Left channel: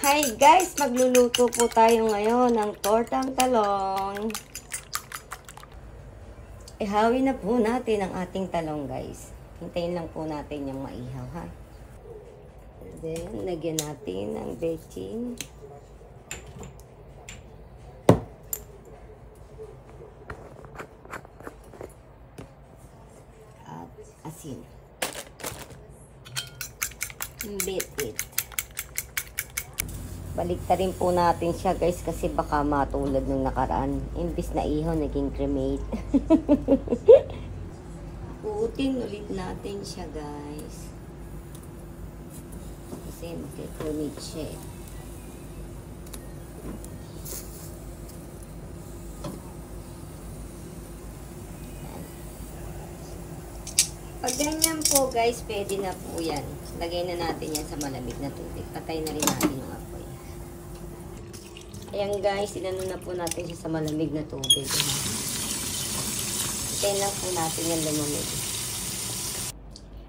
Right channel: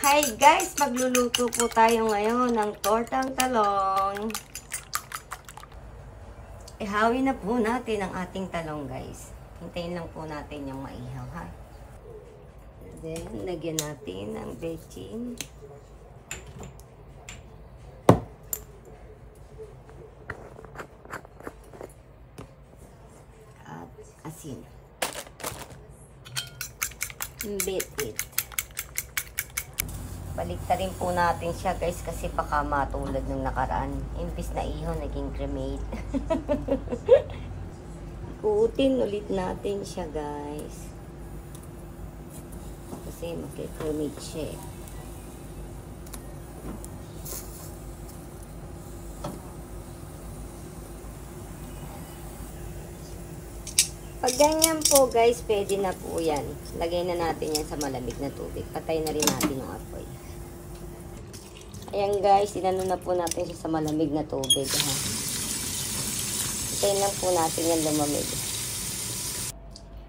Hi guys! Magluluto po tayo ngayon ng tortang talong. Ihawin na po natin ang ating talong guys. Hintayin lang po natin yung maihaw ha. Then, lagyan natin ng bechin. At asin. Beat it. Baliktarin po natin siya guys kasi baka matulad ng nakaraan. Imbis na ihaw, naging cremate. Uutin ulit natin siya guys. Kasi makikremate siya eh. Pag ganyan po guys, pwede na po yan. Lagay na natin yan sa malamig na tubig. Patay na rin natin yung apoy. Ayan guys, inano na po natin siya sa malamig na tubig. Patay na po natin yung lumamig.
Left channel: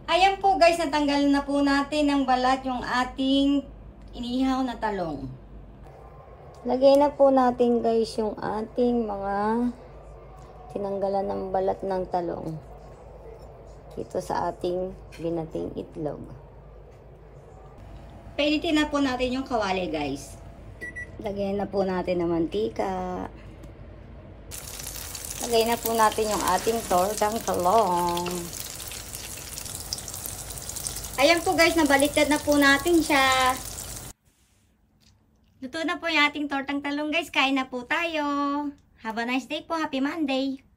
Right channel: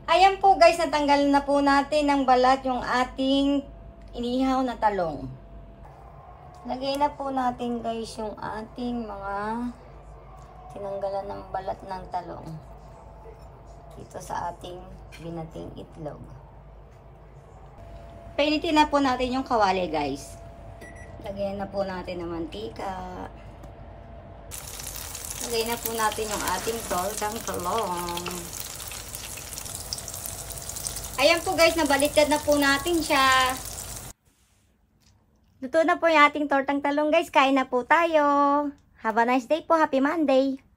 Ayan po guys, natanggal na po natin ng balat yung ating inihaw na talong. Lagay na po natin guys yung ating mga tinanggalan ng balat ng talong. Ito sa ating binating itlog. Painitin na po natin yung kawali guys. Lagyan na po natin ng mantika. Lagay na po natin yung ating tortang talong. Ayan po guys, nabaliktad na po natin siya. Luto na po yung ating tortang talong guys. Kain na po tayo. Have a nice day po. Happy Monday.